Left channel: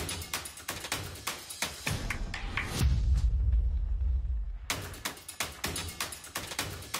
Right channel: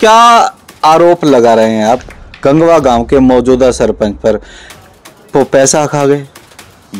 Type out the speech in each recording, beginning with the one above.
क्या आरोप लगा रहे हैं आप गंगवा गांव के मौजूदा सरपंच पर? वो पैसा खा गए।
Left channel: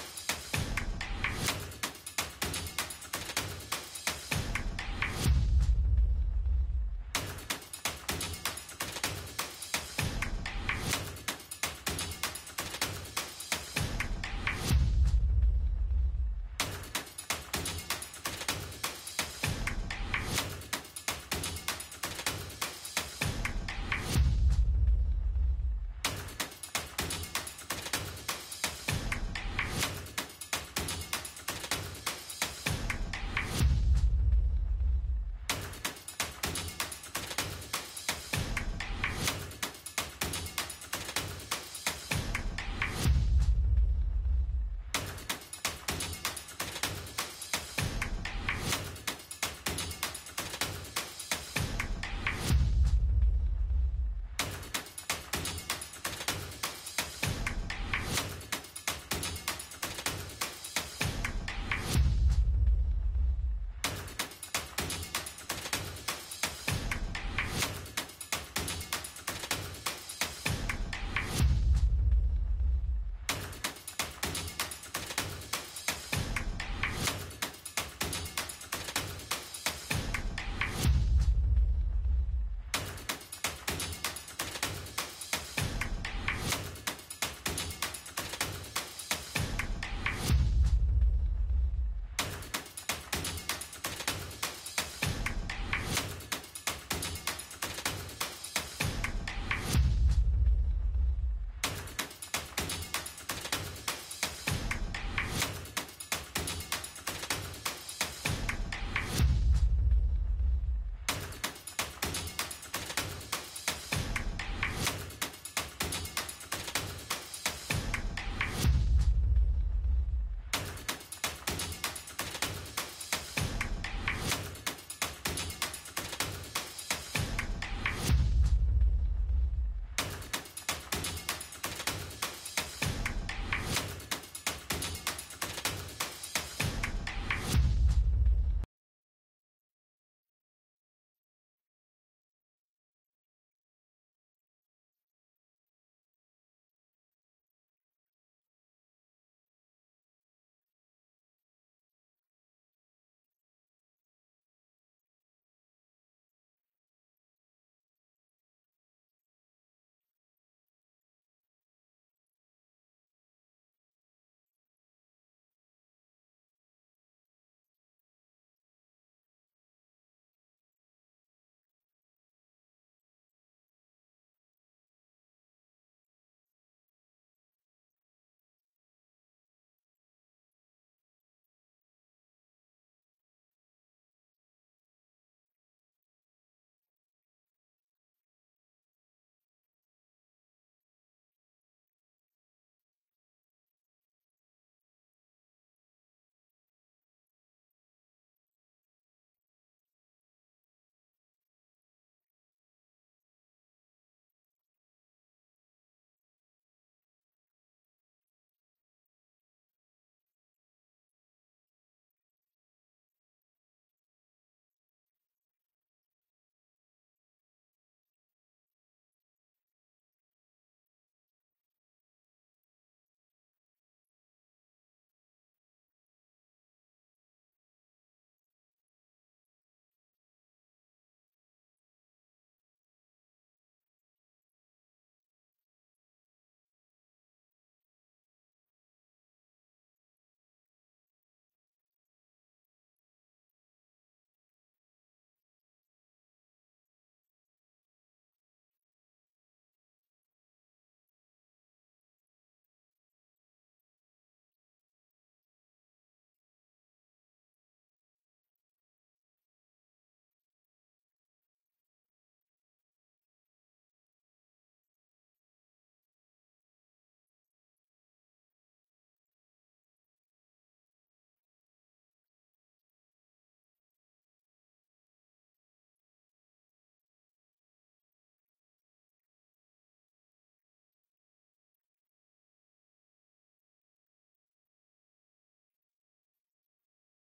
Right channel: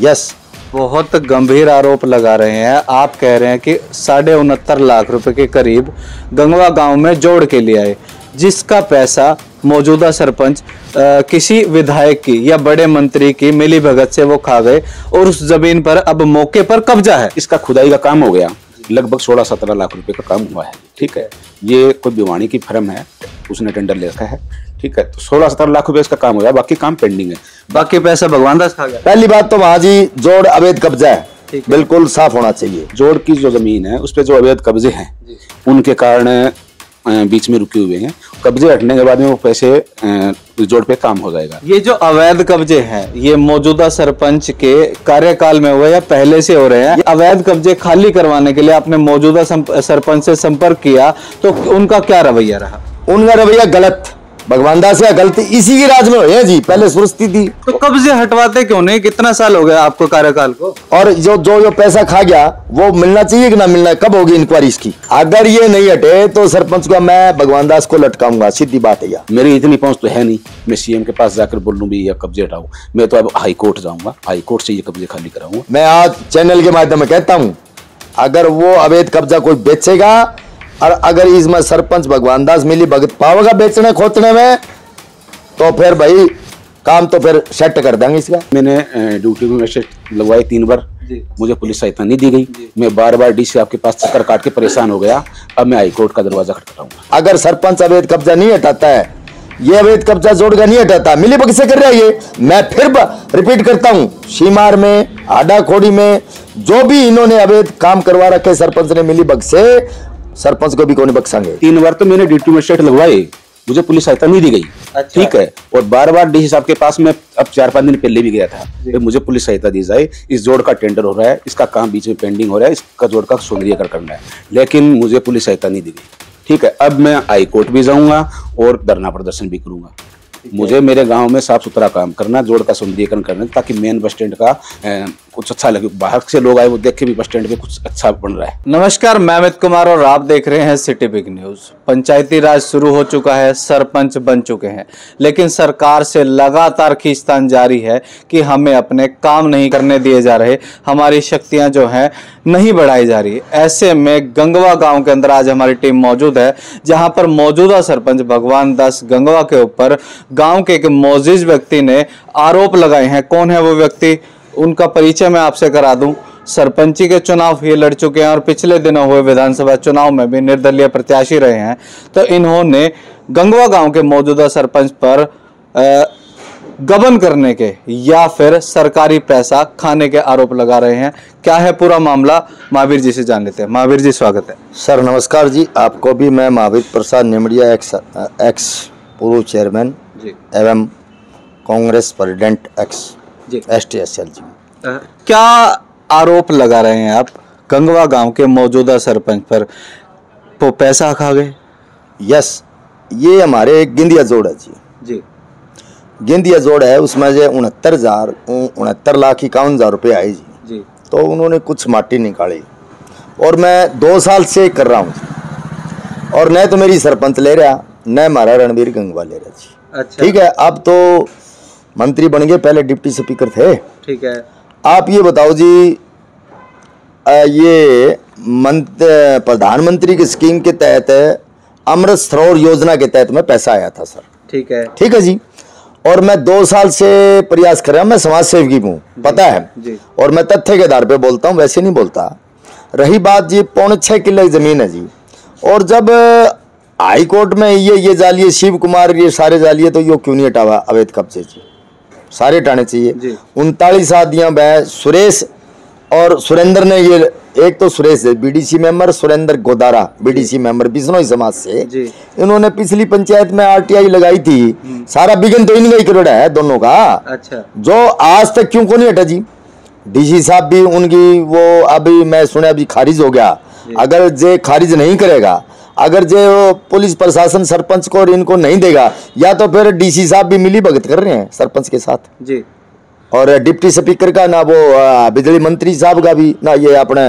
यस, बहुत गंभीर आरोप लगा रहे हैं। आप कह रहे हैं कि 69.5 लाख रुपए के करीब गंगवा गांव में जोड़ के लिए आए, जिसका पैसा मौजूदा सरपंच किसी विधायक की या बड़े मंत्री की मिली भगत से वो खा गए और उस जमीन पर अब मौके पर कब्जा है। इसका खुदाई का काम हो गया, लगभग 16-17 लाख रुपए का काम हुआ है। ठीक है, ये कोई भिवानी की फर्म है, उसने टेंडर ले रखा है। ठीक है, तो 16-17 लाख रुपए इसका काम हो गया, बाकी काम पेंडिंग है। बाकी पैसा भगवान दास खा गया। पहली बात तो वहां जी जोड़ अवैध कब्जा है, बिल्कुल साफ होना चाहिए। जोड़ की जो जमीन है उस पे जो अवैध कब्जे हैं उनके कारण बीच में रुके हुए हैं। कब्जे हटने के बाद में वो पैसे जोड़ पे काम हो जाएगा। ये जो अवैध कब्जे हैं ये मौजूदा सरपंच के कार्यकाल में हुए या पहले से हो रहे हैं? अवैध कब्जे खाली करवाने के लिए आपने मौजूदा सरपंच से संपर्क किया तो उनका क्या रवैया रहा? उनका रवैया गलत, भगवान दास का गलती इसी की राज में हुई है जी। पहले सुरस्ती थी तो कब्जे हटवाते क्यों नहीं? कितना साल हो गया आपको कार्यकाल को? और जो पैसा खा गया वो मिलना चाहिए कि ना मिलना? कब होगी इंक्वायरी इसकी? अगर ये नहीं हटे तो सरपंच का मैं भगवान दास को लटकाऊंगा, सीधी बात है। यार मेरी इतनी पहुंच तो है नहीं, मैं सीएम के पास जाकर बोलूं भी या कब्जे हटाऊं। मैं तो अब हाई कोर्ट जाऊंगा, हाई कोर्ट से ये कब्जे खाली कराऊंगा। मैं आज चैनल के माध्यम में कहता हूं, अगर वो अवैध कब्जा कोई बेचेगा और अगर इसमें सरपंच भगवान दास मिली भगत पावेगा बेचने खोचने में, तो फिर भाई काम तो फिर सेट कर देंगे इसका। मैंने ड्यूटी में मैसेज लगवाए 3 बार, मुझे पुलिस सहायता नहीं दी गई। मैं बार-बार डीसी आपके पास चक्कर काट के परेशान हो गया। अब मैं हाई कोर्ट का दरवाजा खटखटाऊंगा। अगर सरपंच अवैध कब्जा नहीं हटाता है, ये अवैध कब्जा जोड़ का नहीं हटाता, मिली भगत से कर रहा है ये, मैं फिर रिपीट करता हूँ, सीमार में, आडा खोड़ी में जो भी इन्होंने अवैध काम करवा रखे सरपंच ने मिली भगत से, सरपंच को भी कौन बख्शेंगे। 3 बार तो मैंने ड्यूटी में सेट लगवाए, मुझे पुलिस सहायता नहीं दी गई। अच्छा। ठीक है, और बार-बार डीसी साहब के पास मैं अब 4-5 दिन पहले भी गया था कि मुझे पुलिस सहायता दी जाए। इस जोड़ का टेंडर हो रहा है, इसका काम बीच में पेंडिंग हो रहा है, इसका जोड़ का सौंदर्यीकरण करना है, लेकिन मुझे पुलिस सहायता नहीं दी गई। ठीक है, अब मैं हाई कोर्ट भी जाऊंगा और धरना प्रदर्शन भी करूंगा। मुझे मेरे गांव में साफ सुथरा काम करना, जोड़ का सौंदर्यीकरण करना, ताकि मेन बस स्टैंड का कुछ अच्छा लगे, बाहर से लोग आए वो देख के भी बस स्टैंड पे कुछ अच्छा बन रहा है। नमस्कार, मैं अमित कुमार और आप देख रहे हैं सिटी बिग न्यूज। पंचायती राज शुरू हो चुका है, सरपंच बन चुके हैं, लेकिन सरकार से लगातार खींचतान जारी है कि हमें अपने काम नहीं करने दिए जा रहे, हमारी शक्तियां जो हैं नहीं बढ़ाई जा रही। ऐसे में गंगवा गांव के अंदर आज हमारी टीम मौजूद है, जहां पर मौजूदा सरपंच भगवान दास गंगवा के ऊपर गांव के एक मौजूद व्यक्ति ने आरोप लगाए हैं। कौन है वो व्यक्ति, उनका परिचय मैं आपसे करा दूं। सरपंची के चुनाव ये लड़ चुके हैं और पिछले दिनों हुए विधानसभा चुनाव में भी निर्दलीय प्रत्याशी रहे हैं। तो इन्होंने गंगवा गांव के मौजूदा सरपंच पर गबन करने के या फिर सरकारी पैसा खाने के आरोप लगा रहे हैं। क्या है पूरा मामला, महावीर जी से जान लेते हैं। महावीर जी स्वागत है। सर नमस्कार जी, आपको भी। मैं महावीर प्रसाद निमड़िया, एक्स पूर्व चेयरमैन एवं कांग्रेस प्रेसिडेंट एक्स STSL जी। क्या आरोप लगा रहे हैं आप गंगवा गांव के मौजूदा सरपंच पर? वो पैसा खा गए। यस, ये हमारे गिंदिया जोड़ है जी। गिंदिया जोड़ है, उसमें जो 69,51,51 रुपये आए जी। तो उन्होंने कुछ माटी निकाली और मैं 2 साल से कर रहा हूँ, और न तो मेरी सरपंच ले रहा, न हमारा रणवीर गंगवा ले रहा जी। अच्छा। ठीक है, अब तो मंत्री बन गए, पहले डिप्टी स्पीकर थे। ठीक है, आप ये बताओ जी, ये प्रधानमंत्री की स्कीम के तहत अमृत सरोवर योजना के तहत में पैसा आया था सर। ठीक है जी, और मैं 2 साल से प्रयास कर रहा हूँ। मैं समाज सेवकी हूँ, पता है जी। और मैं तथ्य के आधार पे बोलता हूँ, वैसे नहीं बोलता। रही बात जी, 6.25 किले की जमीन है जी, और जब हाई कोर्ट में ये जालिए शिव कुमार ये सारे जालिए, तो यो क्यों नहीं हटावा अवैध कब्जे जी? सारे हटाने चाहिए। 39 आदियां वह सुरेश और सुरेंद्र ने, ये एक तो सुरेश है BDC member, Surendra Godara BDC member Bishnoi समाज से, इन्होंने पिछली पंचायत में RTI लगाई थी। सारा बिगन तो इनका ही करोड़ा है दोनों का। अच्छा। जो आज तक क्यों को नहीं हटा जी? DC साहब भी उनकी वो अभी मैं सुना अभी खारिज हो गया। अगर जे खारिज नहीं करेगा, अगर जो पुलिस प्रशासन सरपंच को और इनको नहीं देगा, या तो फिर DC साहब भी मिली भगत कर रहे हैं सरपंच के साथ जी। और डिप्टी स्पीकर का ना, वो बिजली मंत्री साहब का भी ना, ये अपने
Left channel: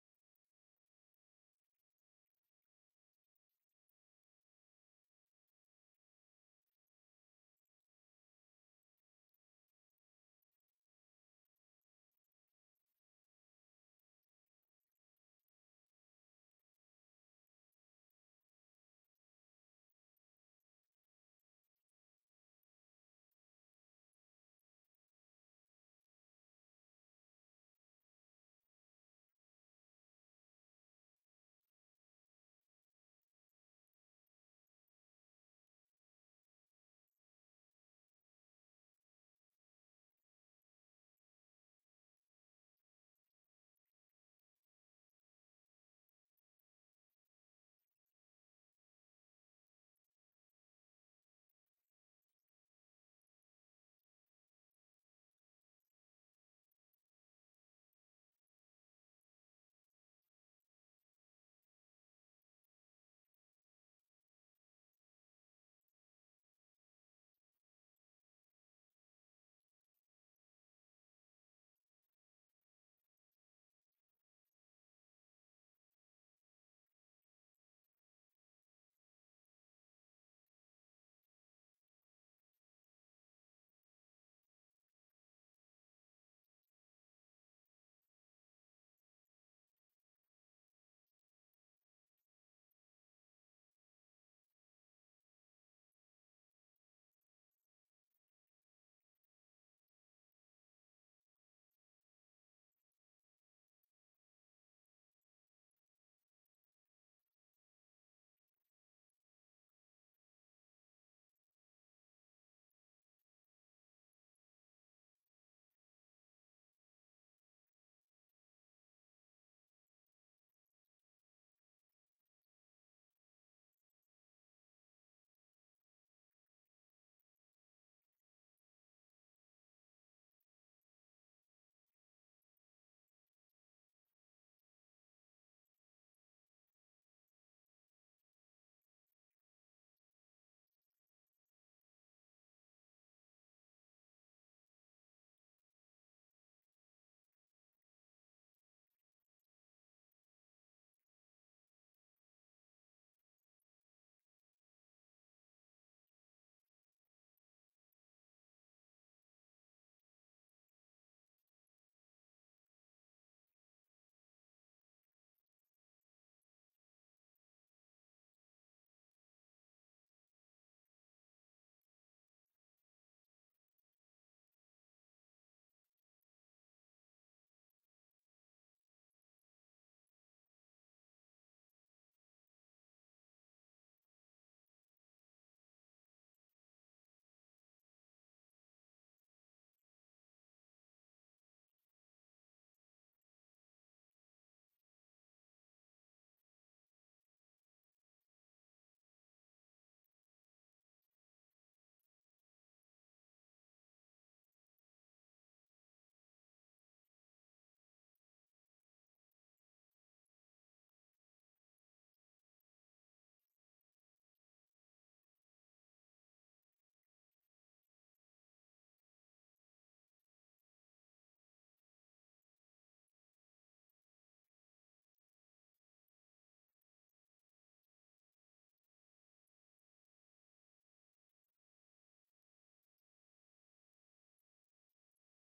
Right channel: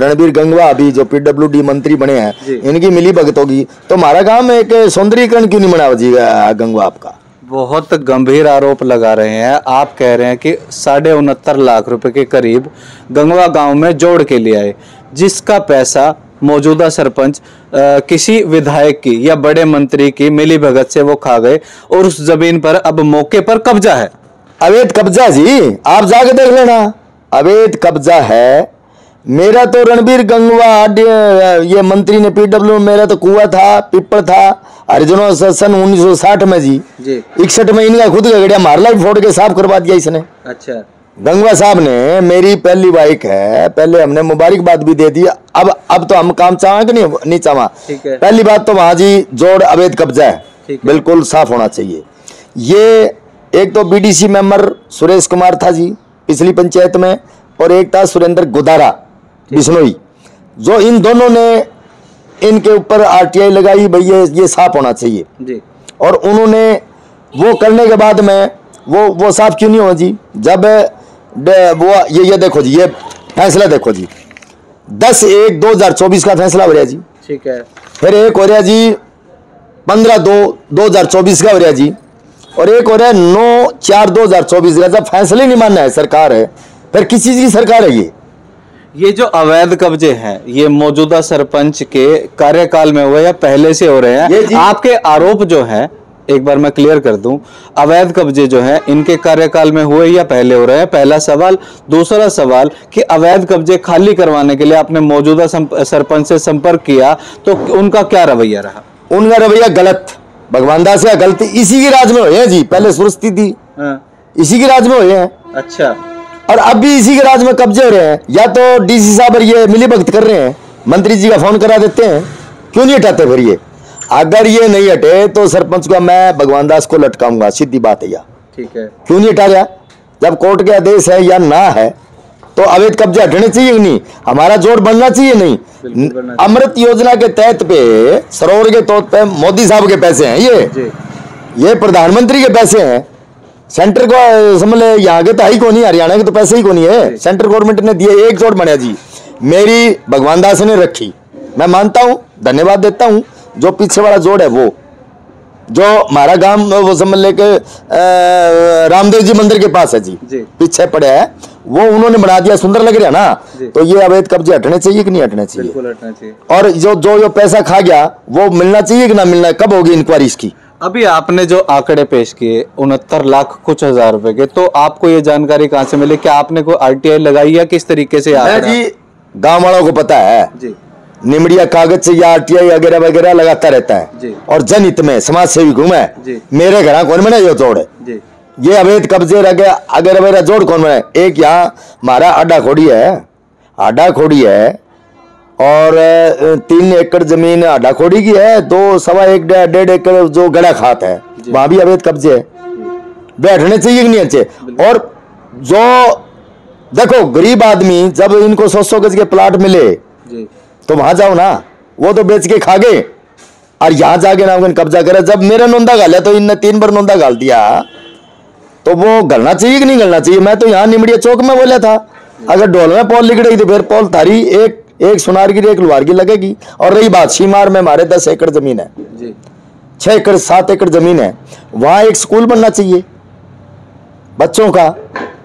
रणबीर गंगवा अभी जो पीडब्ल्यूडी मंत्री बने हैं, इनकी मिली भगत होगी। तो हमारा काम एक सौंदर्यीकरण क्यों नहीं बना जी गंगवा आपका? बहुत गंभीर आरोप लगा रहे हैं। आप कह रहे हैं कि 69.5 लाख रुपए के करीब गंगवा गांव में जोड़ के लिए आए, जिसका पैसा मौजूदा सरपंच किसी विधायक की या बड़े मंत्री की मिली भगत से वो खा गए और उस जमीन पर अब मौके पर कब्जा है। अवैध कब्जा जी, आप जाके देख लेना, अवैध कब्जा है। मेरा तो रणबीर गंगवा ये मंत्री ने पीडब्ल्यू, मेरा तो कुआं था, पिपड़ था, हरिजनों सन 1960 में जी 61 में इनका खुद का गड़िया मारला फोड़ के साफ करवा दिया इसने। अच्छा, गंगवा साहब ने, मेरी पहली बाइक है, पहले हमने मुबारकबाद भी दे दी। अब तो हम काम चाहें कि नहीं चाहा। पहली बात तो वहां जी जोड़ अवैध कब्जा है, बिल्कुल साफ होना चाहिए। ये एक तो बीडीसी मेंबर सुरेश कुमार था जी पिछली पंचायत में, और एक था सुरेंद्र गुदारा बिश्नोई, जो इन दोनों ने इनके ऊपर आरटीआई लगाई, भाई ये साफ होना चाहिए जी। और उन्होंने वो करने के बाद में वो साफ क्यों नहीं हुआ जी? जब वो ये देखो जी, ये फैसला देखो जी, 10/1/2024 का फैसला हो रहा जी, ठीक है। फिर एक हो रहा जी 15/2/2024 का हो रहा जी, और एक हो रहा है 9/4/2024 का। जब फैसले नहीं मानना है सरकार है, फिर किस चीज की सरकार है ये जो अवैध कब्जे हैं, ये मौजूदा सरपंच के कार्यकाल में हुए या पहले से हो रहे हैं? आपके आरोप जो है, एक बार मैं क्लियर कर दूं, अवैध कब्जे जो हैं इनके कार्यकाल में हुए या पहले हो रहे हैं? पहला सवाल। दूसरा सवाल कि अवैध कब्जे खाली करवाने के लिए आपने मौजूदा सरपंच से संपर्क किया, तो उनका क्या रवैया रहा? उनका रवैया गलत, भगवान दास का गलती इसी की राज में हुए हैं जी। पहले सुरस्ती थी, इसी की राज में हुए हैं। अच्छा, और अब भी इसी के राज में कब्जे हो रहे हैं। या तो डीसी साहब ये मिली भगत कर रहे हैं, मंत्री जी का फोन करा देते हैं, क्यों नहीं हटाते फिर ये? अगर ये नहीं हटे तो सरपंच को मैं भगवान दास को लटकाऊंगा, सीधी बात है यार। ठीक है, क्यों नहीं हटा रहा? जब कोर्ट के आदेश है या ना है तो अवैध कब्जे हटने चाहिए नहीं? हमारा जोड़ बनना चाहिए नहीं? अमृत योजना के तहत पे सरोवर के तौर पे मोदी साहब के पैसे हैं, ये प्रधानमंत्री के पैसे हैं। सेंटर को समझ ले, यहाँ के तो ही को नहीं, हरियाणा के तो पैसे ही को नहीं है, सेंट्रल गवर्नमेंट ने दिए। एक जोड़ बना जी, मेरी भगवान दास ने रखी, मैं मानता हूँ, धन्यवाद देता हूँ। जो पीछे वाला जोड़ है वो जो हमारा गांव वो समझ ले के रामदेव जी मंदिर के पास है जी, पीछे पड़े है, वो उन्होंने बना दिया, सुंदर लग रहा है ना। तो ये अवैध कब्जे हटने चाहिए कि नहीं हटने चाहिए? बिल्कुल हटना चाहिए। और जो पैसा खा गया वो मिलना चाहिए कि ना मिलना है? कब होगी इंक्वायरी इसकी? अभी आपने जो आंकड़े पेश किए 69 लाख कुछ हजार रुपए के, तो आपको ये जानकारी कहाँ से मिली? क्या आपने कोई आरटीआई लगाई या किस तरीके से? जी गांव वालों को पता है जी, निमड़िया कागज से या आरटीआई वगैरह वगैरह लगाता रहता है जी। और जनहित में समाज सेवी घूमे, मेरे घर कौन बने ये जोड़ है? ये अवैध कब्जे अगर मेरा जोड़ कौन बने? एक यहाँ हमारा आडा खोड़ी है और 3 एकड़ जमीन आडा खोड़ी की है, 2 सवा 1.5 एकड़ जो गड़ा खात है, वहां भी अवैध कब्जे है। वे हटने चाहिए कि नहीं अच्छे? और जो देखो गरीब आदमी, जब इनको 100 गज के प्लाट मिले तो वहां जाओ ना, वो तो बेच के खा गए, और यहाँ जाके ना कब्जा करे। जब मेरा नोंदा गाल है तो इनने 3 बार नोंदा गाल दिया, तो वो गलना चाहिए कि नहीं गलना चाहिए? मैं तो यहाँ निमड़िया चौक में बोला था, अगर ढोल में पोल लिगड़ेगी तो फिर पोल थारी एक सुनार की एक लोहार की लगेगी। और रही बात सीमार में, हमारे 10 एकड़ जमीन है, 6 एकड़ 7 एकड़ जमीन है, वहां एक स्कूल बनना चाहिए बच्चों का,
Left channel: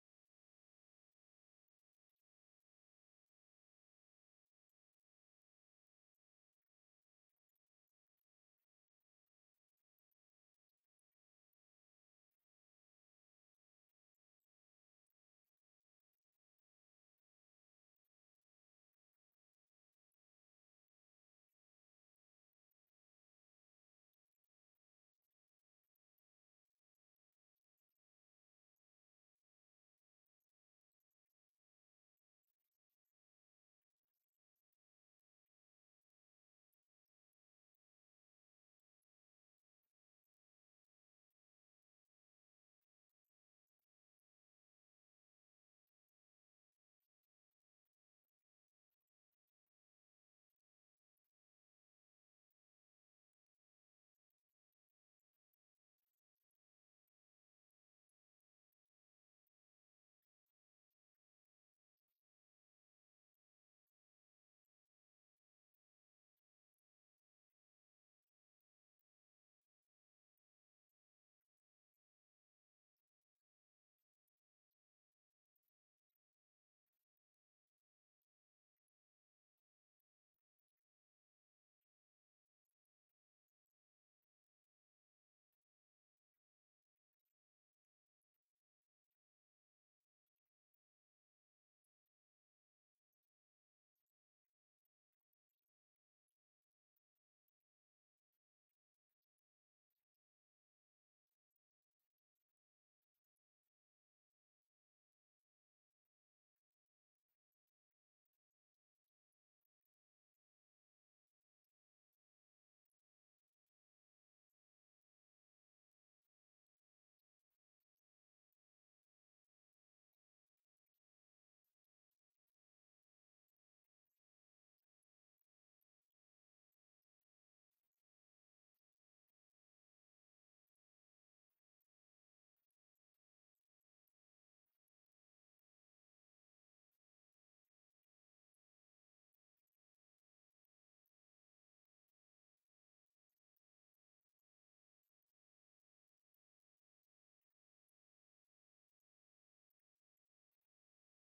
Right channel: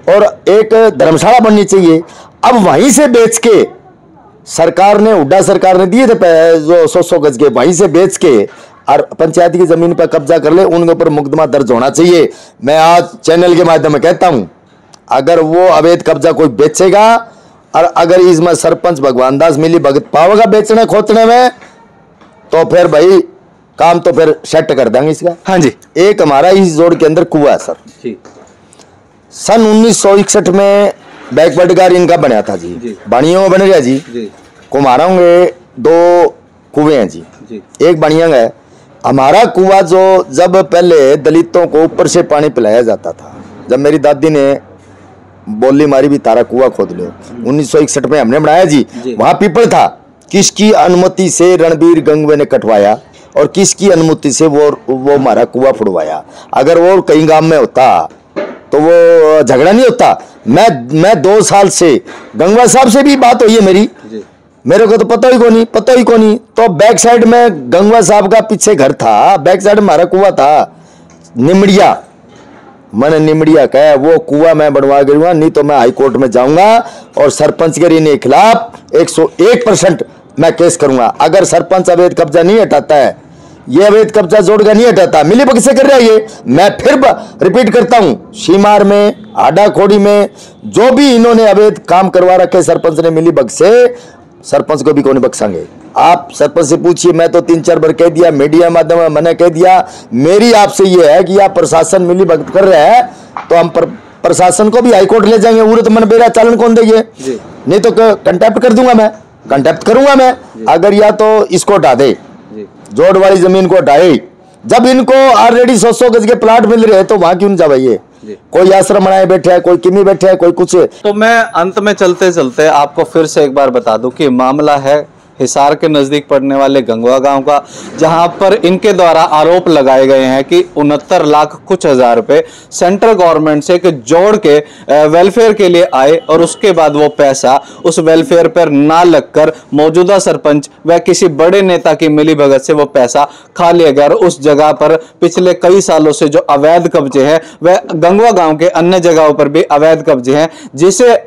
और एक धर्मशाला बननी चाहिए। अब वहीं से बेच के सरकार ने, हुड्डा सरकार ने दिए थे जो 100 गज के, वहीं से बेच के और पंचायत की जमीन पर कब्जा कर ले, उनके ऊपर मुकदमा दर्ज होना चाहिए। मैं आज चैनल के माध्यम में कहता हूं, अगर वो अवैध कब्जा कोई बेचेगा और अगर इसमें सरपंच भगवान दास मिली भगत पावेगा बेचने खोतने में, तो फिर भाई काम तो फिर सेट कर देंगे इसका। हाँ जी। एक हमारा इस जोड़ के अंदर कुआं है सर, सन 1961 में बैकवर्ड गार इनका बना था जी, बाणियों में बन गया जी। कुमारों 2 कुएं हैं जी, एक बाणिया है। हमारा कुआं जो जब पहले दलितों को ऊपर से पानी पिलाया जाता था, जब मेरी दादी ने बोली मारी भी तारा कुआं खोद लो, 1961 में हमने बनाया जी। वहां पीपल था, किसकी अनुमति से रणबीर गंगवे ने कटवाया और किसकी अनुमति से वो हमारा कुआं फुड़वाया? अगर वो कहीं गांव में होता तो वो झगड़ा नहीं होता। मैं 2 साल से गंगवा साहब से भी बात हुई है मेरी, मेरे को तो पता ही को नहीं। तो बैक साइड में गंगवा साहब का पीछे घर था, बैक साइड में हमारा कुआं था निमड़िया। मैंने निमड़िया कहा वो कुआं मैं बनवा गिरूंगा, नहीं तो मैं हाई कोर्ट में जाऊंगा और सरपंच के खिलाफ 101% मैं केस करूंगा। अगर सरपंच अवैध कब्जा नहीं हटाता है, ये अवैध कब्जा जोड़कर नहीं हटाता, मिली भगत से कर रहा है ये। मैं फिर रिपीट करता हूं, सीमार में, आडा खोड़ी में जो भी इन्होंने अवैध काम करवा रखे सरपंच ने मिली भगत से, सरपंच को भी कौन बख्शेंगे। आप सरपंच से पूछिए, मैं तो 3-4 बार कह दिया, मीडिया माध्यम में मैंने कह दिया। मेरी आपसे ये है कि आप प्रशासन मिली भगत कर रहे हैं तो हम प्रशासन को भी हाईकोर्ट ले जाएंगे। उर्त मन बेरा चालन कौन देंगे, नहीं तो कंटेप्ट कर दूंगा मैं, कंटेप्ट करूंगा मैं। अगर या तो इसको हटा दे, जोड़ वाली जमीन को हटाए। जब इनको ऑलरेडी 100 गज के प्लाट मिल रहे हैं तो वहां क्यों जा भाई, कोई आश्रम बनाए बैठे है, कोई किमी बैठे है, कोई कुछ। तो मैं अंत में चलते चलते आपको फिर से एक बार बता दूं कि मामला है हिसार के नजदीक पड़ने वाले गंगवा गांव का, जहां पर इनके द्वारा आरोप लगाए गए हैं कि 69 लाख कुछ हजार रुपए सेंट्रल गवर्नमेंट से जोड़ के वेलफेयर के लिए आए और उसके बाद वो पैसा उस वेलफेयर पर ना लगकर मौजूदा सरपंच व किसी बड़े नेता की मिलीभगत से वो पैसा खा लिया गया। और उस जगह पर पिछले कई सालों से जो अवैध कब्जे हैं वह गंगवा गांव के अन्य जगहों पर भी अवैध कब्जे हैं, जिसे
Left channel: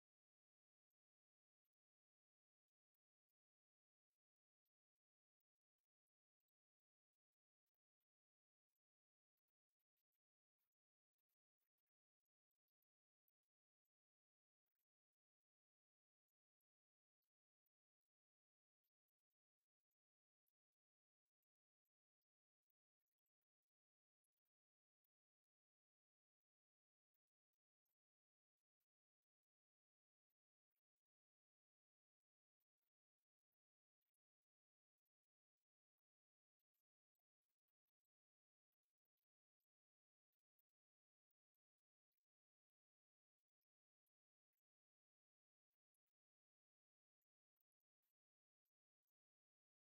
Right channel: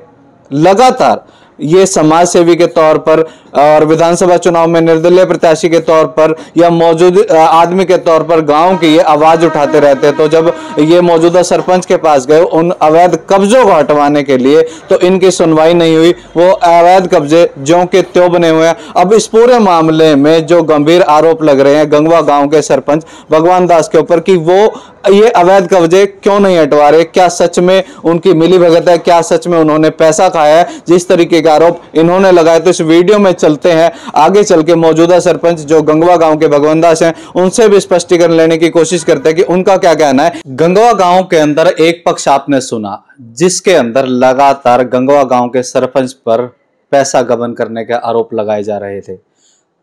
लगातार ये समाज सेवी के तौर पर और विधानसभा चुनाव में निर्दलीय प्रत्याशी के तौर पर या मौजूद आदमी के तौर पर गांव की ये आवाज उठाते रहते हैं। तो जब ये मौजूदा सरपंच के पास गए उन अवैध कब्जों को हटवाने के लिए तो इनकी सुनवाई नहीं हुई, वो अवैध कब्जे ज्यों के त्यों बने हुए हैं। अब इस पूरे मामले में जो गंभीर आरोप लग रहे हैं गंगवा गांव के सरपंच भगवान दास के ऊपर कि वो ये अवैध कब्जे क्यों नहीं हटवा रहे, क्या सच में उनकी मिलीभगत है, क्या सच में उन्होंने पैसा खाया है, जिस तरीके के आरोप इन्होंने लगाए। तो इस वीडियो में चलते हैं आगे चल के मौजूदा सरपंच जो गंगवा गांव के भगवान दास हैं उनसे भी स्पष्टीकरण लेने की कोशिश करते हैं कि उनका क्या कहना है। गंगवा गांव के अंदर एक पक्ष आपने सुना जिसके अंदर लगातार गंगवा गांव के सरपंच पर पैसा गबन करने के आरोप लगाए जा रहे थे,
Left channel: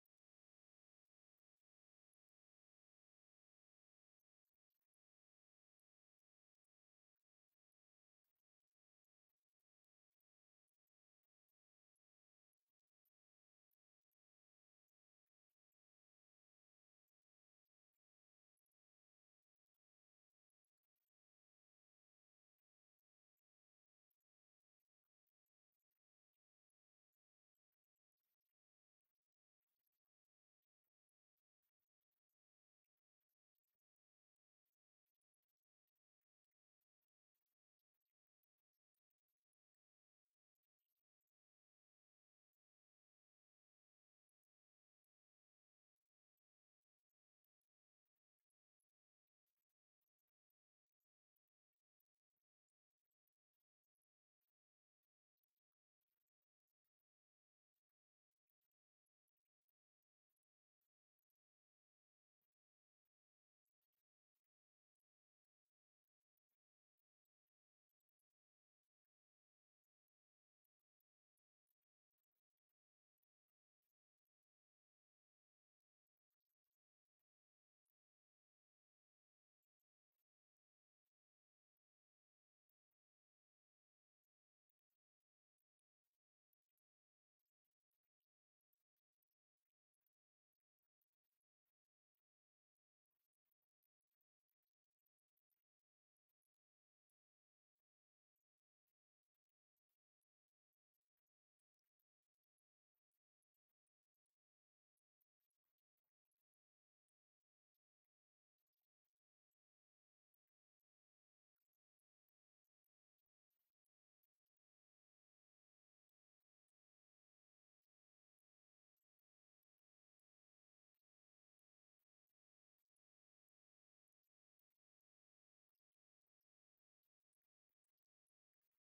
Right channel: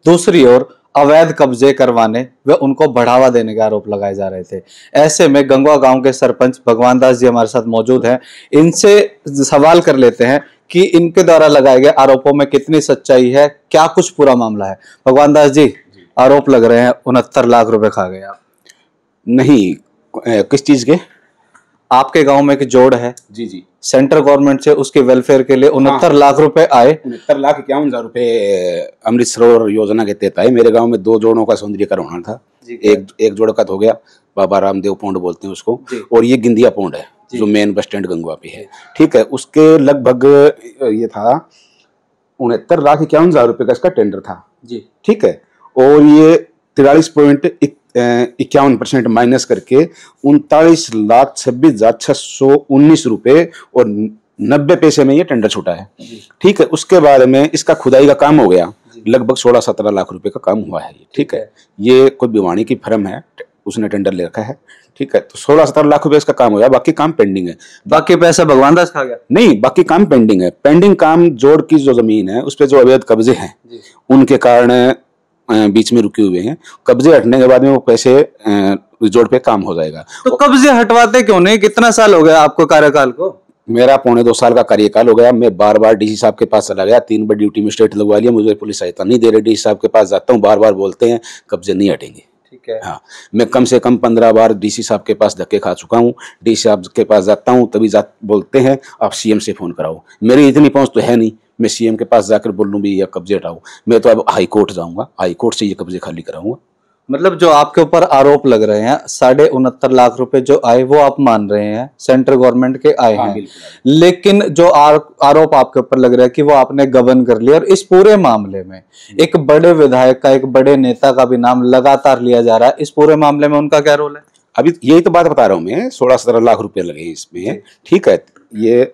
दूसरी ओर अवैध कब्जे करवाने व उनको बढ़ावा देने के आरोप लगाए जा रहे थे। ऐसे में गंगवा गांव के सरपंच भगवान दास जी हमारे साथ मौजूद हैं, इनसे सवाल कर लेते हैं कि इनके द्वारा लगाए गए आरोपों में कितनी सच्चाई है, क्या कुछ पूरा मामला है। भगवान दास जी, आरोप लग रहे हैं 69 लाख रुपए खा गए आप। नहीं, किस चीज के? आपके गांव में एक जोड़ है जी, सेंट्रल गवर्नमेंट से उसके वेलफेयर के लिए 69 लाख रुपए आए। 69,51,000 रुपए अमृत सरोवर योजना के तहत आए। मेरे गांव में 2 जोड़ों का सौंदर्यीकरण होना था। एक जोड़ का तो हो गया, बाबा रामदेव पौंड बोलते हैं उसको, और ये गिंदिया पौंड है जो मेन बस स्टैंड गंगवा पे है। ठीक है, उसके लगभग ये था 69,51,000 रुपए का इसका टेंडर था जी। ठीक है, और ये 43.51% माइनस करके 39,26,619 रुपए और 90 पैसे में ये टेंडर छूटा है। ठीक है, उसके बाद में इसका खुदाई का काम हो गया, लगभग 16-17 लाख रुपए का काम हुआ है। ठीक है, ये कोई भिवानी की फर्म है, उसने टेंडर ले रखा है। ठीक है, तो 16-17 लाख रुपए इसका काम हो गया, बाकी काम पेंडिंग है। बाकी पैसा भगवान दास खा गया? नहीं, बाकी काम पेंडिंग है। पेंडिंग काम जोड़ की जो जमीन है उस पे जो अवैध कब्जे हैं उनके कारण बीच में रुके हुए हैं। कब्जे हटने के बाद में वो पैसे जोड़ पे काम हो जाएगा। तो कब्जे हटवाते क्यों नहीं? कितना साल हो गया आपको कार्यकाल को? मेरा 1.25 साल का कार्यकाल हो गया। मैं बार बार डीसी साहब के पास चला गया, 3 बार ड्यूटी में स्टेट लगवा लिया, मुझे पुलिस सहायता नहीं दे रहे। डीसी साहब के पास जाता हूँ, बार बार बोलते हैं कब्जे नहीं हटेंगे। ठीक है, हाँ, मैं कम से कम 15 बार डीसी साहब के पास धक्के खा चुका हूँ। डीसी साहब के पास जाता हूँ तभी बोलते हैं आप सीएम से फोन कराओ। मेरी इतनी पहुंच तो है नहीं, मैं सीएम के पास जाकर बोलूं भी ये कब्जे हटाओ। मैं तो अब हाई कोर्ट जाऊंगा, हाई कोर्ट से ये कब्जे खाली कराऊंगा। मतलब जो आपके ऊपर आरोप लग रहे हैं 69.5 लाख रुपए जो आए वो आप मान रहे हैं सेंट्रल गवर्नमेंट के आए हैं, लेकिन जो आरोप आपके ऊपर लग रहा है कि वो आपने गबन कर लिया। और इस पूरे मामले में एक बड़े विधायक का, एक बड़े नेता का भी नाम लगातार लिया जा रहा है। इस पूरे मामले में उनका क्या रोल है? अभी यही तो बात बता रहा हूँ मैं, 16-17 लाख रुपए लगे इसमें। ठीक है, ये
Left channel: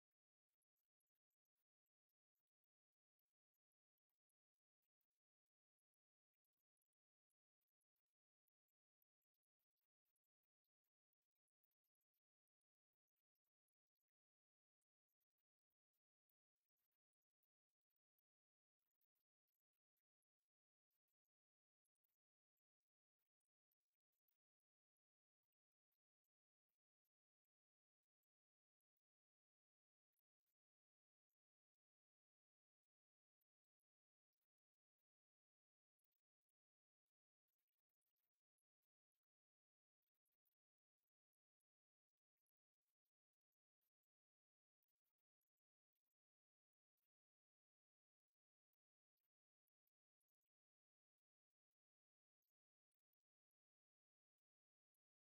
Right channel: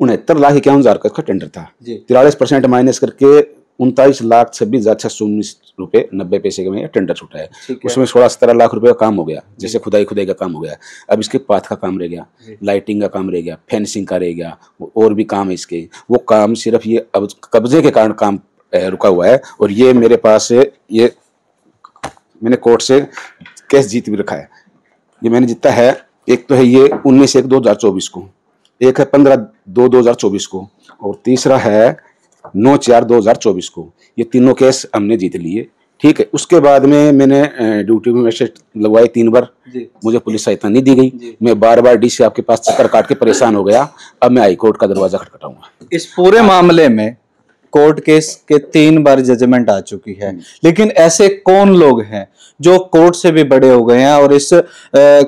69,51,000 का इसका टेंडर था। 43% माइनस करके 39,26,619 रुपए 90 पैसे में टेंडर छूटा है। उसमें 16-17 लाख रुपए का काम हो गया, जैसे खुदाई का काम हो गया। अब इसके पाथ का काम रह गया, लाइटिंग का काम रह गया, फेंसिंग का रह गया, और भी काम है इसके। वो काम सिर्फ ये अब कब्जे के कारण काम रुका हुआ है। और ये मेरे पास ये मैंने कोर्ट से केस जीत भी रखा है। ये मैंने जीता है, एक तो है ये 19/1/2024 को, एक है 15/2/2024 को, और तीसरा है 9/4/2024 को। ये तीनों केस हमने जीत लिए। ठीक है, उसके बाद में मैंने ड्यूटी में मैजिस्ट्रेट लगवाए 3 बार, मुझे पुलिस सहायता नहीं दी गई। मैं बार बार डीसी साहब के पास चक्कर काट के परेशान हो गया। अब मैं हाई कोर्ट का दरवाजा खटखटाऊंगा। इस पूरे मामले में कोर्ट केस के 3 बार जजमेंट आ चुकी है, लेकिन ऐसे कौन लोग हैं जो कोर्ट से भी बड़े हो गए हैं और इस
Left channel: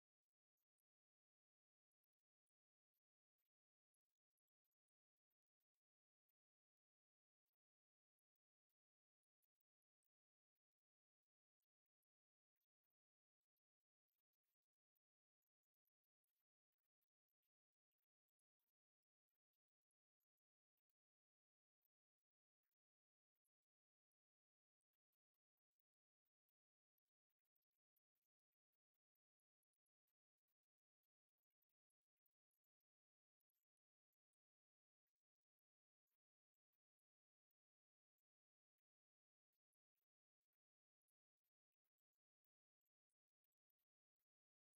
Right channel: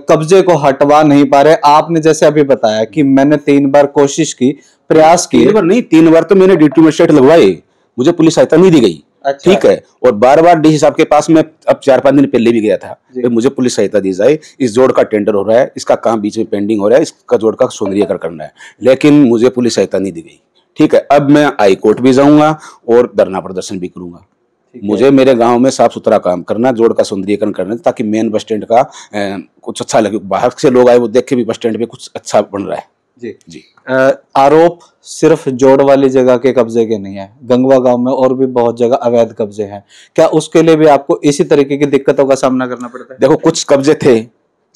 कब्जे को हटवा नहीं पा रहे? आपने जैसे अभी बताया कि मैंने 3 बार कोशिश की, प्रयास किए। 3 बार नहीं, 3 बार तो मैंने ड्यूटी मैजिस्ट्रेट लगवाए, मुझे पुलिस सहायता नहीं दी गई। अच्छा। ठीक है, और बार बार डीसी साहब के पास मैं अब 4-5 दिन पहले भी गया था, मुझे पुलिस सहायता दी जाए, इस जोड़ का टेंडर हो रहा है, इसका काम बीच में पेंडिंग हो रहा है, इसका जोड़ का सौंदर्यीकरण करना है, लेकिन मुझे पुलिस सहायता नहीं दी गई। ठीक है, अब मैं हाई कोर्ट भी जाऊंगा और धरना प्रदर्शन भी करूंगा। मुझे मेरे गांव में साफ सुथरा काम करना, जोड़ का सौंदर्यीकरण करना, ताकि मेन बस स्टैंड का कुछ अच्छा लगे, बाहर से लोग आए वो देख के भी बस स्टैंड पे कुछ अच्छा बन रहा है। जी। आरोप सिर्फ जोड़ वाली जगह के कब्जे के नहीं है, गंगवा गांव में और भी बहुत जगह अवैध कब्जे हैं। क्या उसके लिए भी आपको इसी तरीके की दिक्कतों का सामना करना पड़ता है? देखो, कुछ कब्जे थे,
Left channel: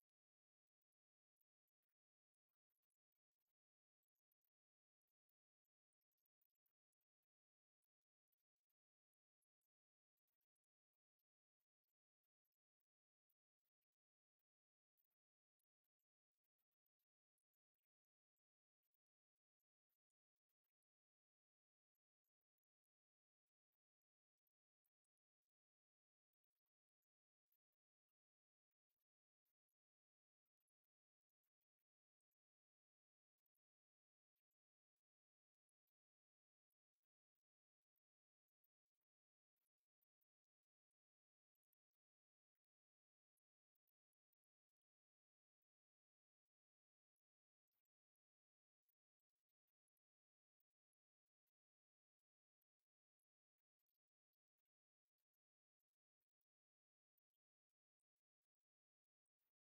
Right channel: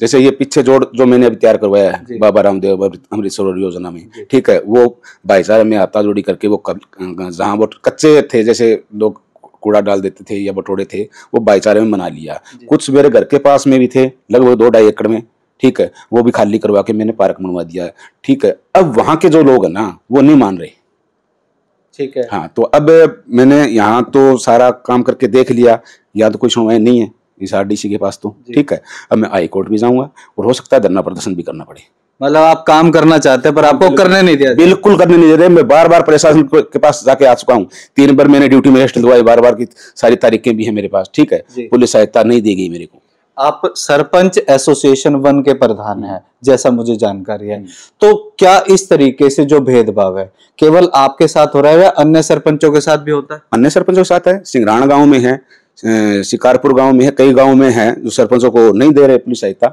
जैसे ये पीछे जोड़ जो मैंने अभी तैयार करवाया है बाबा रामदेव अमृत सरोवर योजना में, ठीक है, वो भाईचारे में आता जोड़ी करके वो जहाँ वो कच्चे थे, जैसे लोग कूड़ा डाल देते थे या बटोड़े थे, वो भाईचारे में बना लिया। कुछ मेरे घर के पास में भी थे, लगभग 2-2.5 एकड़ में। ठीक है, वो भी खाली करवा के मैंने पार्क बनवा दिया है। ठीक है, अब वहां के जो लोग है ना, वो नहीं मान रहे। ठीक है, हाँ, तो अब मैंने यहाँ तो सारा काम करके देख लिया, या तो कोई सुनवाई नहीं है इस आरडीसी के पास तो। ठीक है, अब मैं हाई कोर्ट भी जाऊंगा और हो सकता है धरना प्रदर्शन भी करना पड़े। मतलब आप काम करना चाहते हैं पर आपको करने नहीं दिया? बिल्कुल करने नहीं दे रहे। मैं बार बार प्रशासन के पास जाके आ चुका हूँ, 3 बार मैंने ड्यूटी मैजिस्ट्रेट लगवाई, बार बार की सारी तारीखें भी है मेरे पास। ठीक है, पुलिस सहायता नहीं दी गई मेरे को। आप सरपंच एसोसिएशन 1 के प्रधान हैं, जैसा मुझे जानकारी है, तो क्या इस तरीके से जो भेदभाव है केवल आपके साथ हो रहा है या अन्य सरपंचों के साथ भी होता है? अन्य सरपंचों के साथ है, सिंगराना गांव में है, शिकारपुर गांव में है, कई गांव में है जो सरपंचों को नहीं दे रहे पुलिस सहायता।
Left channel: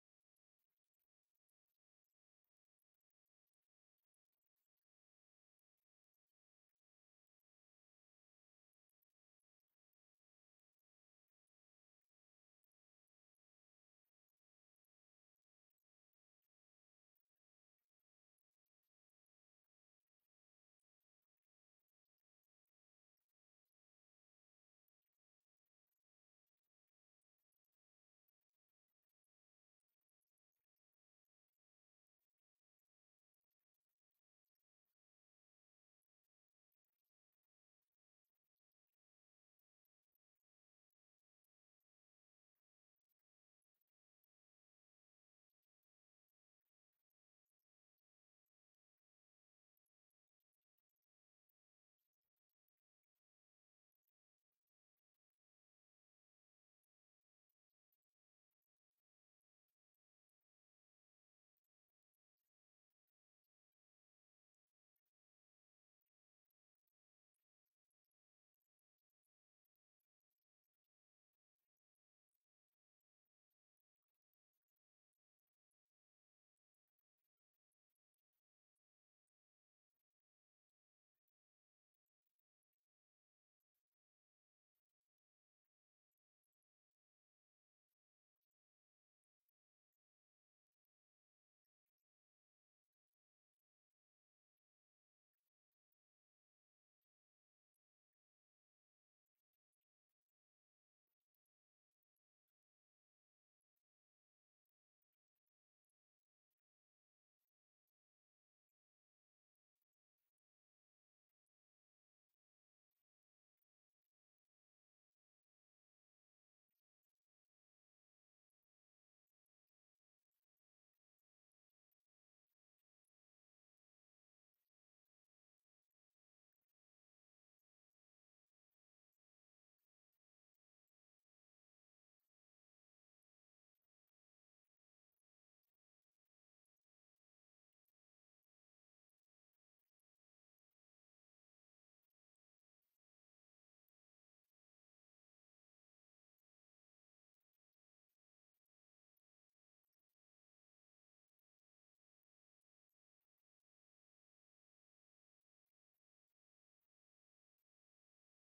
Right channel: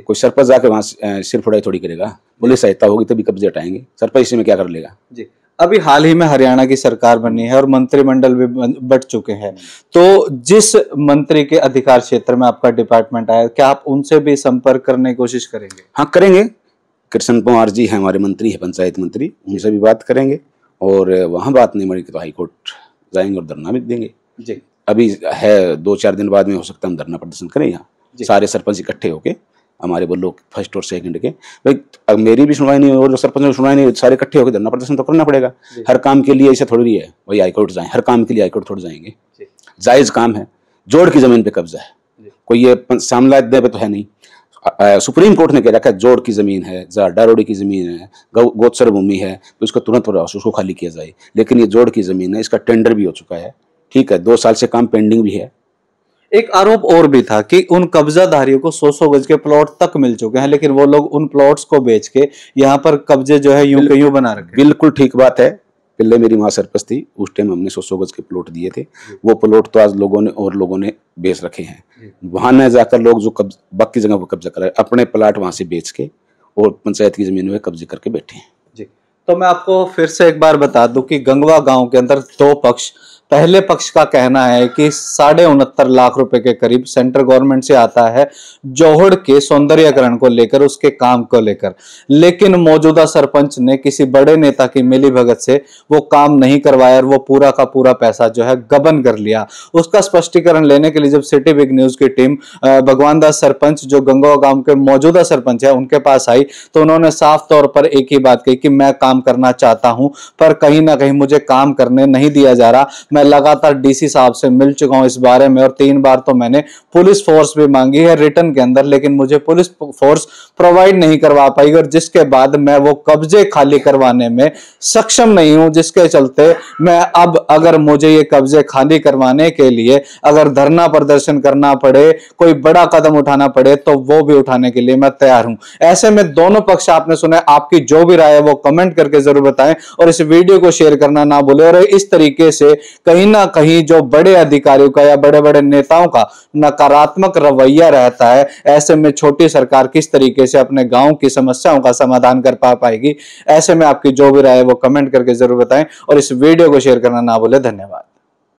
कोई सरपंच जाके वहां सिर फुड़ाई थोड़ी करेगा, पुलिस सहायता होगी तभी कब्जे हटाएंगे, सरपंच इसी में क्या कर लेगा। जी, अभी हाल ही में हरियाणा की सरकार बनी है और मंत्रिमंडल भी बट चुके हैं, तो जिस मंत्री के अधिकार क्षेत्र में आपका डिपार्टमेंट आया, क्या आप उनसे भी संपर्क करने की कोशिश करेंगे? हाँ, करेंगे। कृष्ण कुमार जी है हमारे मंत्री है, पंचायत मंत्री, उनसे भी बात करेंगे, और वहां बात नहीं मरी तो हाई कोर्ट जाएंगे और धरना भी देंगे। जी, अभी है 2-4 दिन बाद में हो सकता है हम धरना प्रदर्शन करें यहाँ, सारे सरपंच इकट्ठे होके, हमारे वो लोग फर्स्ट और सेकंड के। भाई अब मेरी भी सुनवाई नहीं और जो सरपंच की सुनवाई नहीं, सारे इकट्ठे होकर धरना प्रदर्शन तो करना पड़ेगा। हर काम के लिए ऐसे थोड़ी है वही हाईकोर्ट जाए, हर काम के लिए हाईकोर्ट थोड़ी जाएंगे। जायज काम है, जोड़ की जमीन पे कब्जा है, कोई ये सामला दे पे तो है नहीं। सुप्रीम कोर्ट ने कह रखा है जोड़ की जमीन है, डारोड़ी की जमीन है, गोचर भूमि है, तो उसको तुरंत उसको खाली किया जाए। लेकिन ये जोड़ की जमीन है, इसका टेंडर भी हो चुका है। ठीक है, 2 साल से काम पेंडिंग भी है। एक आरोप और भी था कि उन कब्जाधारियों को 100-100 गज के प्लॉट तक मिल चुके हैं, लेकिन वो लोग उन प्लॉट्स को बेच के यहाँ पर कब्जे जो है यूं के यूं बना रखे। बिल्कुल ठीक बात है। पहले मेरी माँ सरपंच थी, उस टाइम हमने 100-100 गज के प्लॉट दिए थे, वो प्लॉट तो आज लोगों ने बेच रखे हैं। वहां न जाकर लोग जो बाकी जगह पर कब्जा कर रहे हैं, अपने प्लाट वहां से बेच के और पंचायत की जमीन में कब्जे करके बैठे हैं। जी, तो मैं आपको फिर से एक बार बता दूं कि गंगवा गांव के अंदर 2 पक्ष, पहले पक्ष का कहना है कि 69.5 लाख रुपए के करीब सेंट्रल गवर्नमेंट से आता है जोहड़ के सौंदर्यीकरण को लेकर, उसके काम को लेकर, लेकिन मौजूदा सरपंच ने किसी बड़े नेता की मिलीभगत से वो काम नहीं करवाया और वो पूरा का पूरा पैसा जो है गबन कर लिया। उसका स्पष्टीकरण लेने के लिए जब सिटी बिग न्यूज की टीम भगवान दास सरपंच जो गंगवा गांव के मौजूदा सरपंच है उनके पास आई, तो उन्होंने साफ तौर पर एक ही बात कही कि मैं काम करना चाहता हूं पर कहीं ना कहीं मुझे काम करने नहीं दिया जा रहा। मैं लगातार डीसी साहब से मिल चुका हूं इस बारे में और 3 बार तो मैंने पुलिस फोर्स भी मांगी है रिटर्न के अंदर, लेकिन मुझे पुलिस फोर्स प्रोवाइड नहीं करवा पाई और जिसके बाद मैं वो कब्जे खाली करवाने में सक्षम नहीं हूं, जिसके चलते मैं अब अगर मुझे ये कब्जे खाली करवाने के लिए अगर धरना प्रदर्शन करना पड़े, कोई बड़ा कदम उठाना पड़े, तो वो भी उठाने के लिए मैं तैयार हूं। ऐसे में दोनों पक्ष आपने सुना, आपकी जो भी राय है वो कमेंट करके जरूर बताएं और इस वीडियो को शेयर करना ना भूलें। और इस तरीके से कहीं ना कहीं जो बड़े अधिकारियों का या बड़े बड़े नेताओं का नकारात्मक रवैया रहता है, ऐसे में छोटी सरकार किस तरीके से अपने गांव की समस्याओं का समाधान कर पाएगी। ऐसे में आपकी जो भी राय है वो कमेंट करके जरूर बताएं और इस वीडियो को शेयर करना ना भूलें। धन्यवाद।